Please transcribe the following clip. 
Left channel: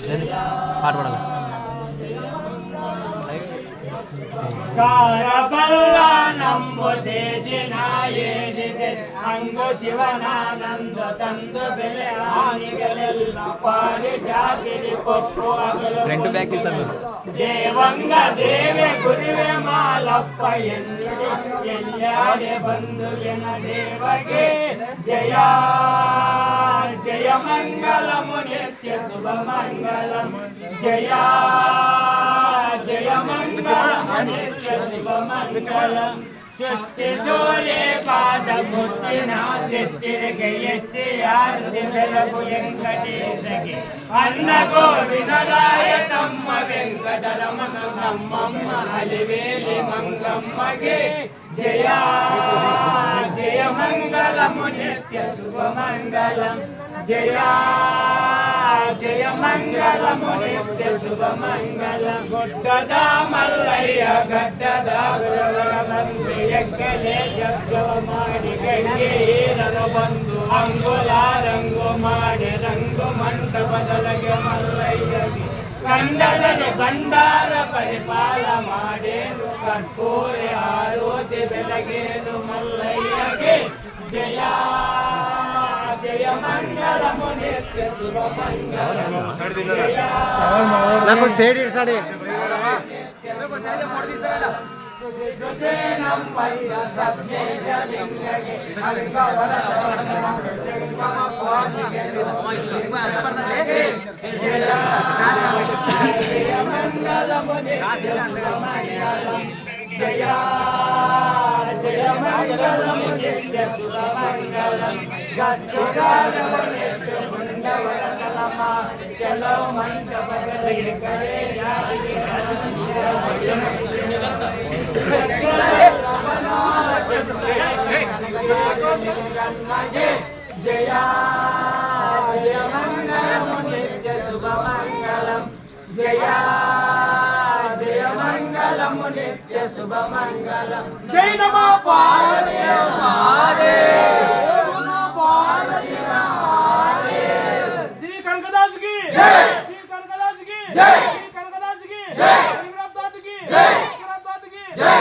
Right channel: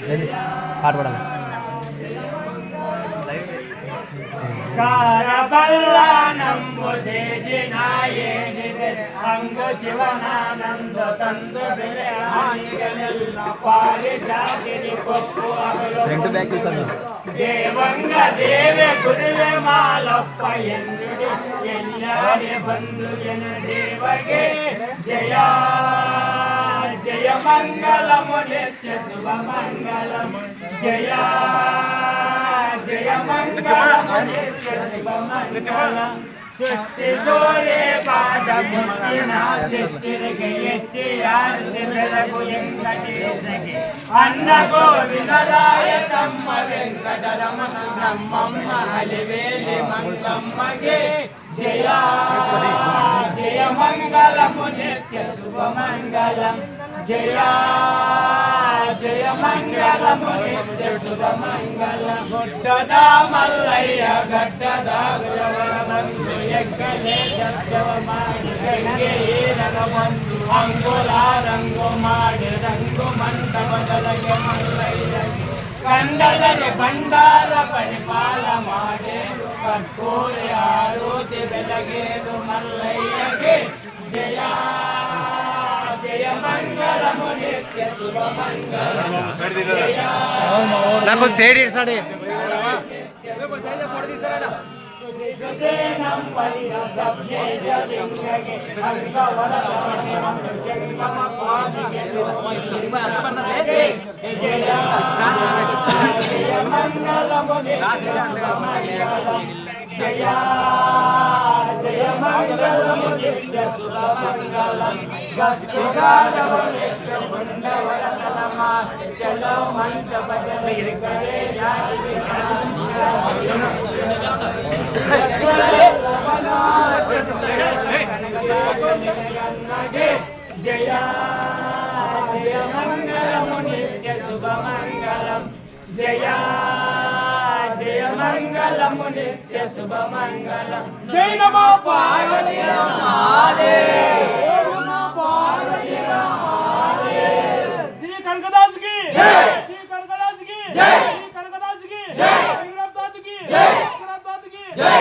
పాట పాడాలి. కారబల్లానంబు చేజినాయేనిదే అంగు శివనానంద తందు బిలహాయిగలెల్ల పారి జాతిని పొప్పు అగలు దేవంగ దేవే గురువే మాలప్ప ఎన్నుడి ఎల్లాడి బంధు ఎన దేవగే జయా జయ మంగళము నిత్య శుభ మంగళం జయా జయ మంగళము నిత్య శుభ మంగళం సుత్తి సూర్యే పాదముత్తిన చిత్తిరగ ఎత్తి ఆర్తి వెలగు వెంకటేశకి అన్న గోవిందరాయ తమ్మ వెంకటరమణ నమ్మమ్మ హలివేలి మంగమ్మగే జయా జయ మంగళము నిత్య శుభ మంగళం జయా జయ మంగళము నిత్య శుభ మంగళం గుడ్డదా మల్లయ్య గడ్డదా గురవరబంధు ఎక్కలే జగవ మాడి గంగే బంధు అంగుల రంగు మాడి రంగు మంట బదలగ మల్లయ్యకి కండలని బండార పరిపాల మాడేరు కర్పూరి ఆరోతి వెలగేరు మల్లయ్యకి జయా జయ మంగళము నిత్య శుభ మంగళం నాకు సేడి సాడి సుజనం పైన సభ్యే జలింగగే అల్పవర సవనం జగమ పాదిగే జయ మంగళము నిత్య శుభ మంగళం జయా జయ మంగళము నిత్య శుభ మంగళం గట్టుగారవ నిత్య గుండవరకలమ చలో మంటపదలి కరే జాతి జయా జయ మంగళము నిత్య శుభ మంగళం జయా జయ మంగళము నిత్య శుభ మంగళం జై నమో పార్వతీ పార్వతీ శ్రీ కనకదాస్ కి జై శ్రీ కనకదాస్ కి జై శ్రీ కనకదాస్ కి జై శ్రీ రబ్దాస్ కి జై శ్రీ రబ్దాస్ కి జై